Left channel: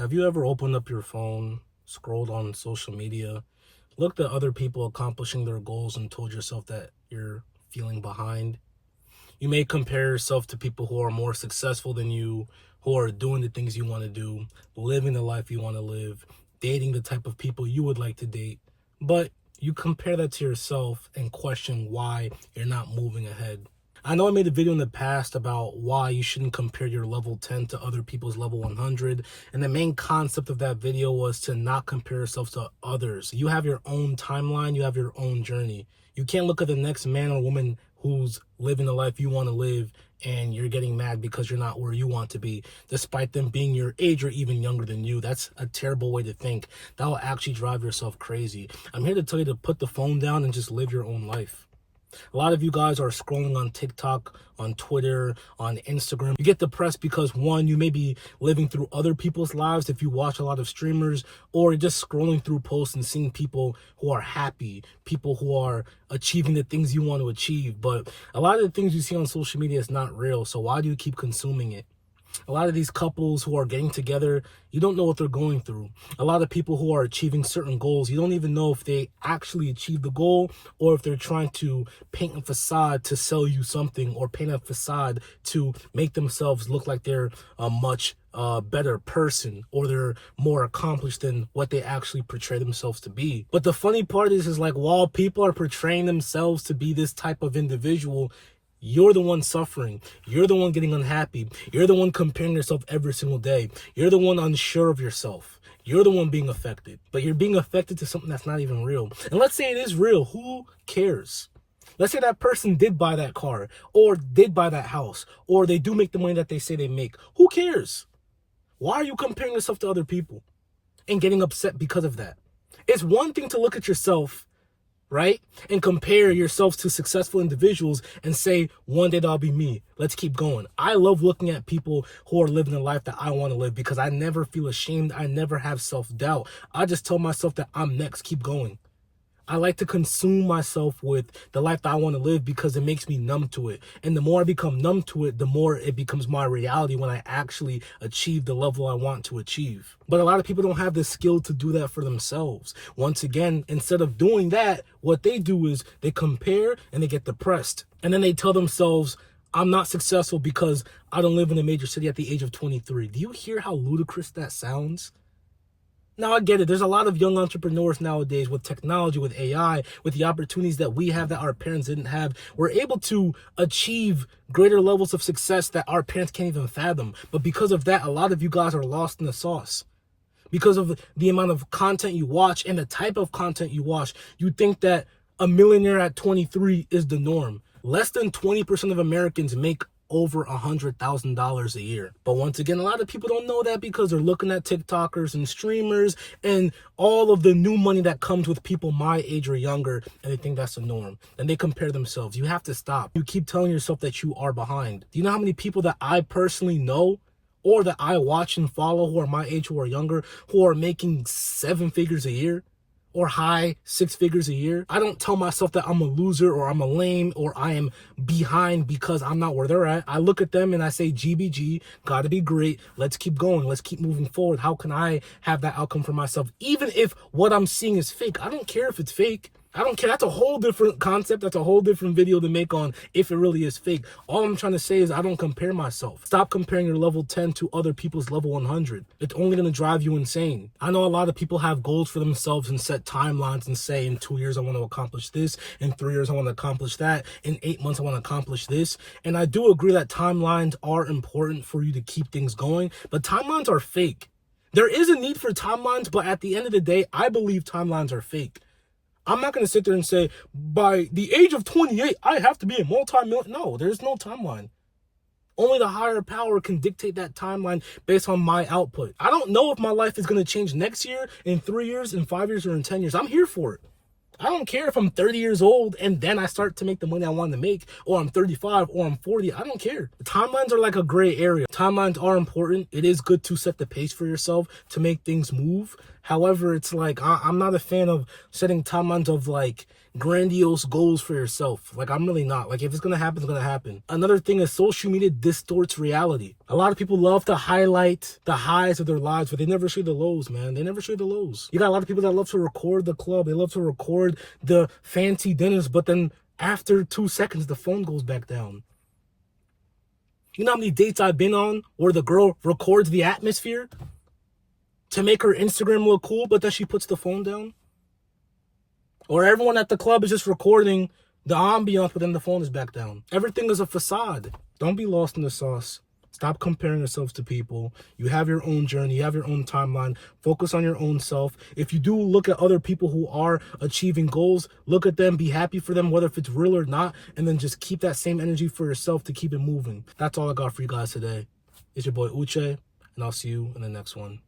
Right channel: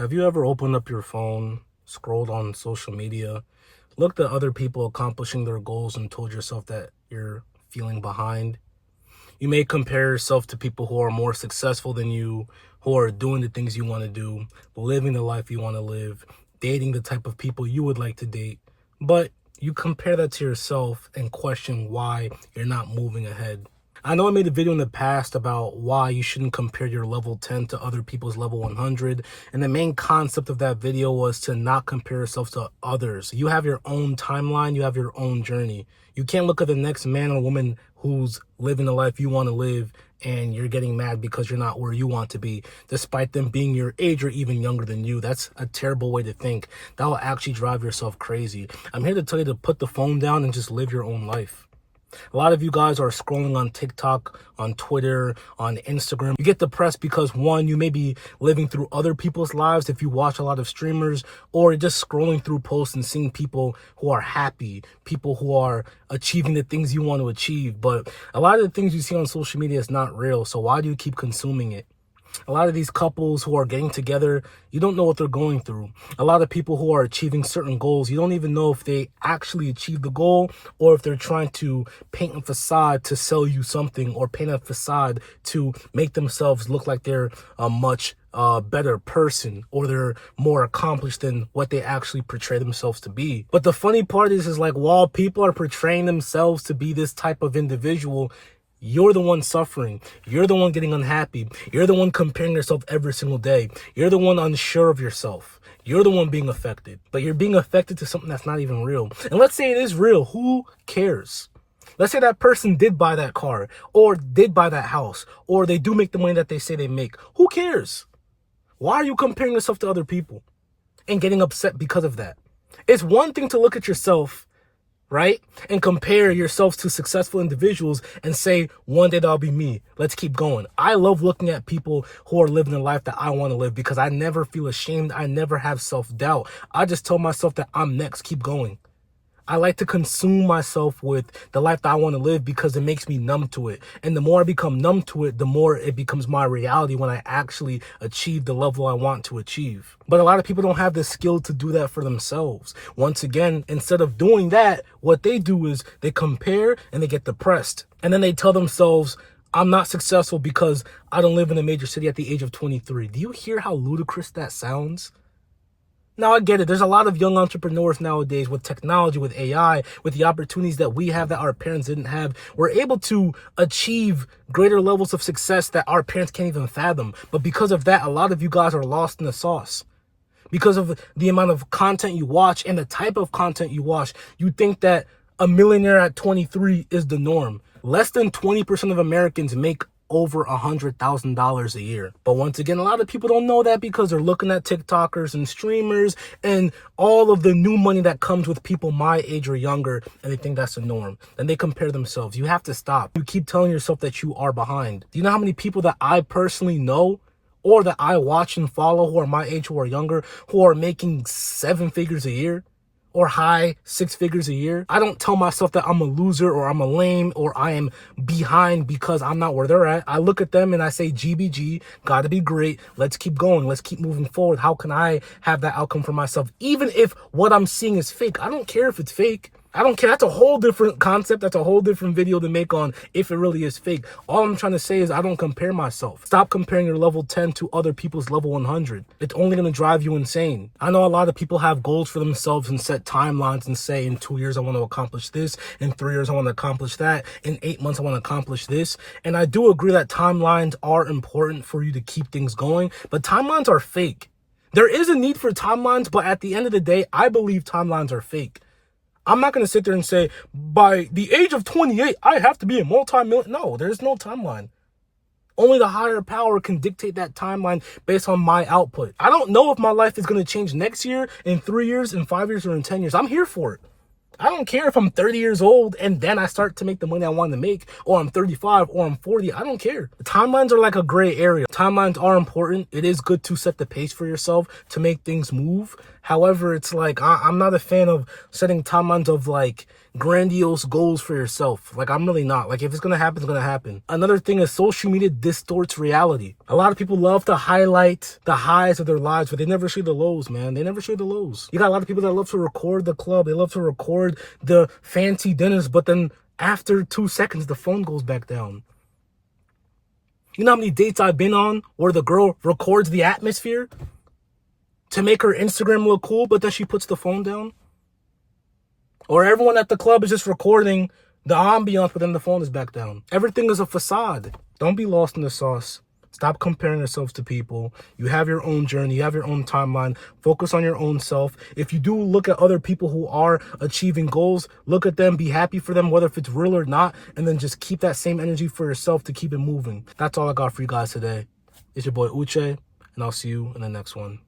Have you ever opened up your phone, scrolled on social media, looked at other people accomplishing their goals and told yourself that you're feeling behind? You may compare yourself to people who are more successful than you, who are doing the things you want to do, living the life you want to live, dating the type of people you would like to date. But you compare that to yourself and question why you're not moving ahead. I know I made a video in the past about why you shouldn't compare your level 10 to other people's level 100. And the main concept of that video was to not compare yourself to others. You have your own timeline. You have your own journey. You can't look at the next man or woman who's living the life you want to live and you're getting mad because you're not where you want to be, despite them being your age or even younger than you. That's a terrible way to think. That will actually drive yourself crazy. I'm here to tell you to put the phone down and just live your own life. A lot of you guys are scrolling on TikTok, on Twitter, on Instagram. You get depressed because, one, you may be living through other people's lives if you watch a lot of streamers, or just scrolling through posts and seeing people who are happy, people who are achieving the things you want to achieve. But a lot of the things you see on social media is not real, so why do you keep consuming it? A lot of these couples who are getting together, you don't know what they're going through. A lot of people who are achieving certain goals, you don't even know if they actually achieve the goal or if they're trying to paint a facade to sell you something or paint a facade to make themselves look like they're a much better person or they're more accomplished than what they actually portray themselves to be. But the funny part is like while people are portraying themselves to be this type of individual, you're the one suffering. You're the one getting unhappy. You're the one comparing yourself every single day. You're the one unsure of yourself. You're the one being affected. But you're being affected to something that's not even real. And let's say it is real. Who cares? Let's say that person did buy that car or did buy that house or they do make the money that they say they make. Who cares? Why are you comparing yourself to other people and getting upset because of that? It's one thing to look at yourself, right? And compare yourselves to successful individuals and say, one day that'll be me. Let's keep going. I love looking at people who are living the life that I want to live because I never feel ashamed. I never have self-doubt. I just tell myself that I'm next. Keep going. I like to consume myself with the life that I want to live because it makes me numb to it. And the more I become numb to it, the more it becomes my reality when I actually achieve the level I want to achieve. But a lot of people don't have the skill to do that for themselves. Once again, instead of doing that, what they do is they compare and they get depressed. And then they tell themselves, I'm not successful because I don't live in a major city at the age of 23. Do you hear how ludicrous that sounds? Now, I get it. There's a lot of young entrepreneurs nowadays with technology, with AI, with the opportunities that we have that our parents didn't have. We're able to achieve greater levels of success that our parents can't even fathom. But because of that, a lot of you guys are lost in the sauce. Because of the amount of content you watch and the type of content you watch, you think that a millionaire at 23 is the norm. Less than 20% of Americans make over $100,000 a year. But once again, a lot of people don't know that because they're looking at TikTokers and streamers and all of the new money that comes with people my age or younger, and they think that's the norm. And they compare themselves. You have to stop. You keep telling yourself that you are behind. Do you know how many people that I personally know or that I watch and follow who are my age, who are younger, who are making 7 figures a year? Or high 6 figures a year? I don't tell myself that I'm a loser or I'm a lame or I am behind because I'm not where they're at. I look at them and I say, GBG, gotta be great. Let's keep going. Let's keep moving forward. How can I have that outcome for myself? Even if what I'm seeing is fake, I don't care if it's fake. I don't care. That's a whole different concept. That's a whole different video to make on if it really is fake. All I'm trying to say is I don't compare myself. Stop comparing your level 10 to other people's level 100. It's only going to drive you insane. I know a lot of people have goals for themselves and set timelines and say in 2 years I want to accomplish this. In 3 years I want to accomplish that. In 8 months I want to accomplish this. And I do agree that timelines are important for you to keep things going. But timelines are fake. There is a need for timelines, but at the end of the day, I believe timelines are fake. I'm not going to sit there and say, by the age of 28, I have to be a multi-millionaire. No, there's no timeline. Only the higher power can dictate that timeline based on my output. I don't know if my life is going to change next year, in 3 years, in 5 years, or in 10 years. I'm here for it. I don't care if I'm 30 years old and then I start to make the money I want to make, or I'm 35 or I'm 40. I don't care. The timelines are like a gray area. Timelines are important. It is good to set the pace for yourself to make things move. However, it's like I'm not a fan of setting timelines of like grandiose goals for yourself. Like, I'm really not. Like, if it's gonna happen, it's gonna happen. Another thing is social media distorts reality. A lot of people love to highlight the highs of their lives, but they never show the lows, man. They never show the lows. You got a lot of people that love to record the club. They love to record the fancy dinners, but then after 2 seconds, the phone goes back down. You know how many dates I've been on where the girl records the atmosphere to make her Instagram look cool, but then she puts the phone down? Or everyone at the club is just recording the ambiance, but then the phone is back down. Everything is a facade. Don't be lost in the sauce. Stop comparing yourselves to people. You have your own journey. You have your own timeline. Focus on your own self. If you do look at other people who are achieving goals, look at them, be happy for them, whether if it's real or not, and then just keep that same energy for yourself to keep it moving. That's all I got for you guys today. It's your boy Uche, and I'll see you in the next one.